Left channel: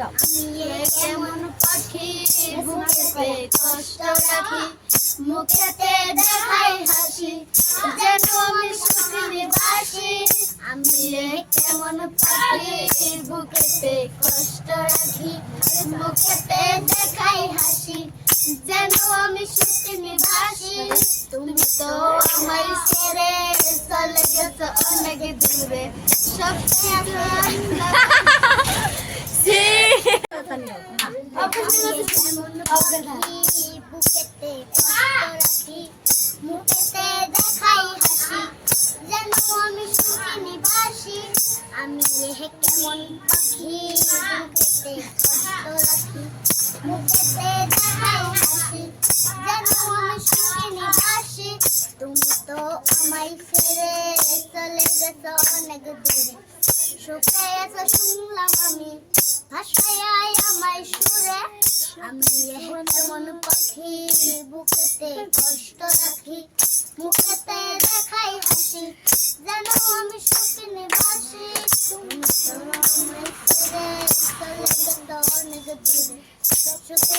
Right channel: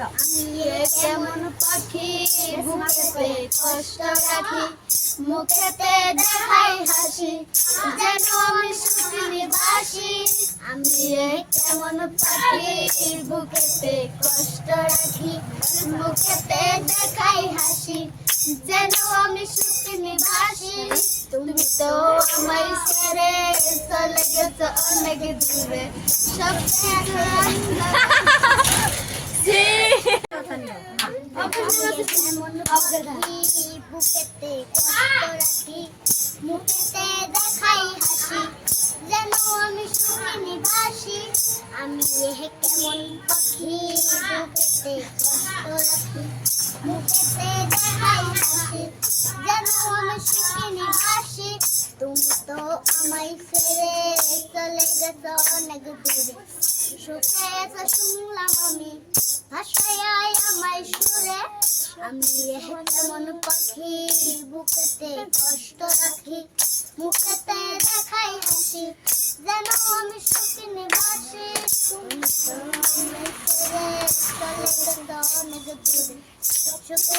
আমি কেমন পাখি বুকেতে কষ্ট রাখি, মুখেতে দেখাই হাসি, যেন আমি সুখের বাসি। আমি কেমন পাখি বুকেতে কষ্ট রাখি, মুখেতে দেখাই হাসি, যেন আমি সুখের বাসি। তুমি তো আমার ছেড়ে চলে গেছো অনেক দূরে, সব বুকেতে কষ্ট রাখি, মুখেতে দেখাই হাসি, যেন আমি সুখে বাসি। আমি কেমন পাখি বুকেতে কষ্ট রাখি, মুখেতে দেখাই হাসি, যেন আমি সুখে বাসি। তুমি তো আমায় ছেড়ে চলে গেছো অনেক দূরে, সুখে এসে শুনলাম আমি ভাষায় আমায় সুরে। আমি কেমন পাখি বুকেতে কষ্ট রাখি, মুখেতে দেখাই হাসি, যেন আমি সুখে বাসি। তুমি তো আমায় ছেড়ে চলে গেছো অনেক দূরে, সুখে